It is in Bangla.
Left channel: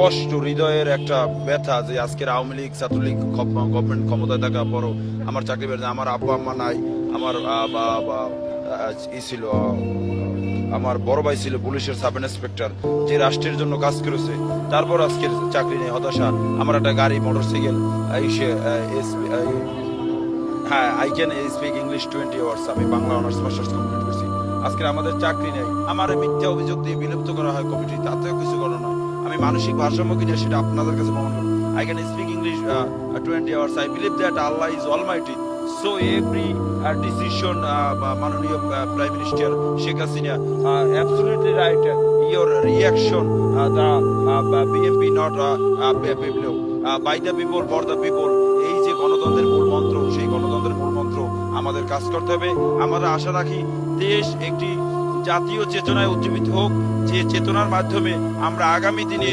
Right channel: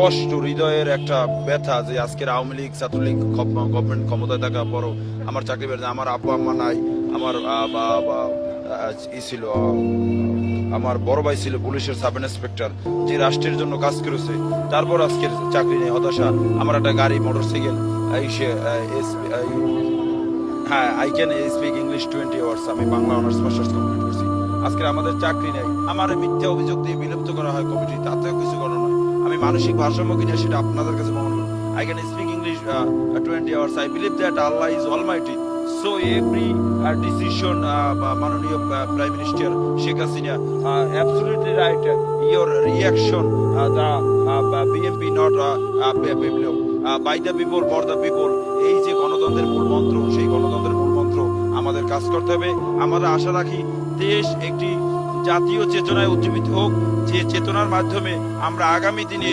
কষ্ট, হৃদয়ের একটা ব্যথা যে আজকের আওয়ামী লীগ ছাত্রলীগ গভর্নমেন্ট ক্ষমতায় থাকা পরও আমার চাকরি বেড়েছে, আমার আব্বা আম্মা নাই, আমার ই ছিল আমার বড় ভাই ছিল পুলিশের সাব ইন্সপেক্টর, যে রাষ্ট্রের জন্য কাজ করেছে, তারপর আজকের চাকরি নেই, হতাশা। আমার একটা গাড়ি, মোটরসাইকেল, হ্যাঁ, I can speak English 20 hours, আমি বাংলা অনার্স মাস্টার্স কমপ্লিট করছি। আজকে আমাদের চাকরি নেই, আমার মিথ্যা অভিযোগ দিয়ে বিলুপ্ত করা হয় কমিটি, তাতেও কিছু করার নয়। আমি মানসিক ভারসাম্য কিনা সেটা আপনাদের কাছে প্রমাণ করব। I can speak English 20 hours, I believe that Allah is almighty, so every decision, মাননীয় prime minister Sheikh Hasina, absolutely right, your reaction, the BNP not biplob, by the people for the people, এই যে গণতন্ত্রের মূল মন্ত্র, সেই গণতন্ত্রের মূল মন্ত্র আমাদের কাজ করতে হবে। আমরা আশা রাখি দেশ একটি জাতীয় চেতনায় উজ্জীবিত হোক, যে চেতনার মাধ্যমে আমরা আগামী দিনে